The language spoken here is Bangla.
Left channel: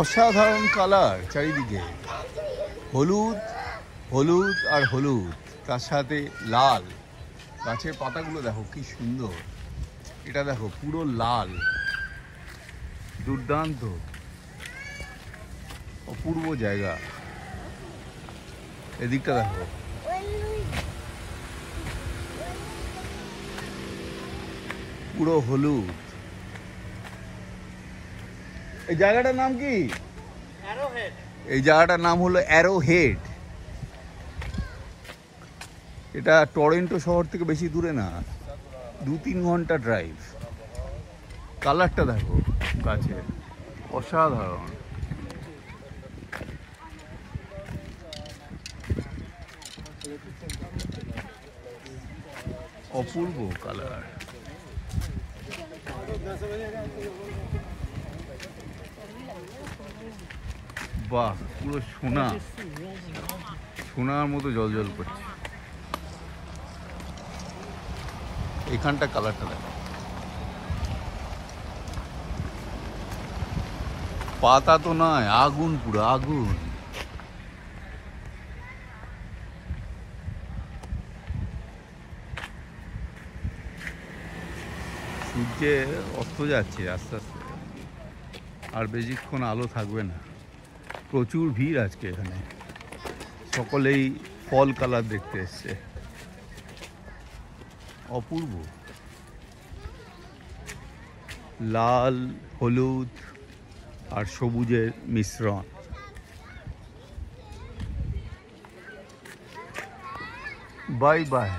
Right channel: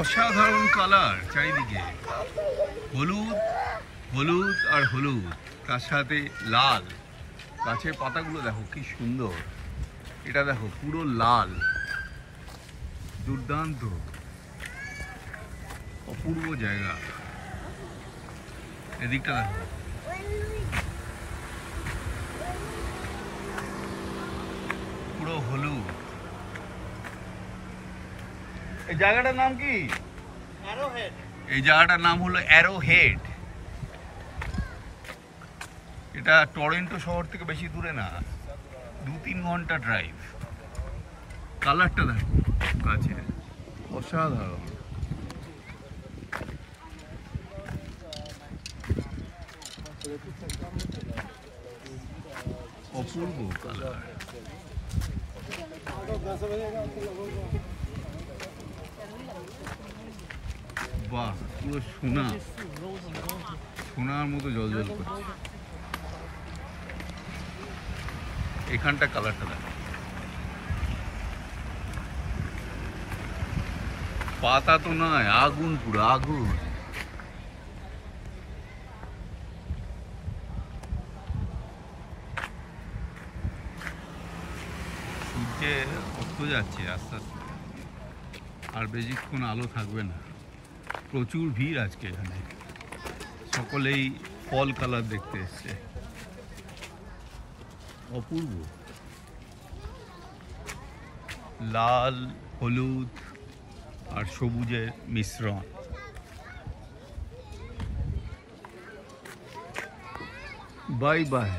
অসাধারণ কালার চারিদিকে, হলুদ হলুদ আর হলুদ, তার সাথে লাল। গাছের পাতাগুলো দেখো কি সুন্দর, এটা দেখো পুরো লাল, দুর্দান্ত অপূর্ব জায়গা। এদিকটা দেখো, পুরো হলুদ। এই জায়গাটার নাম কি? এই জায়গাটার নাম হলো অ্যারোহেড। এটা টরন্টো শহর থেকে বেশি দূরে না, 2-3 ঘন্টা ড্রাইভ। কালারটা দেখো গাছের, অসাধারণ। অপূর্ব কালার। বাহ, পুরো সোনা, সোনার মতো জলজল করছে। এখানটা কালারটা দেখো, পাতা তো নয়, আগুন, পুরো আগুন। সূর্যে অস্ত যাচ্ছে আস্তে আস্তে, আর বেশিক্ষণ আলো থাকবে না। প্রচুর ভিড় আজকে এখানে, সকলেই ফল কালার দেখতে এসছে। অপূর্ব, লাল হলুদ আর সবুজের মিশ্রণ। Bye bye.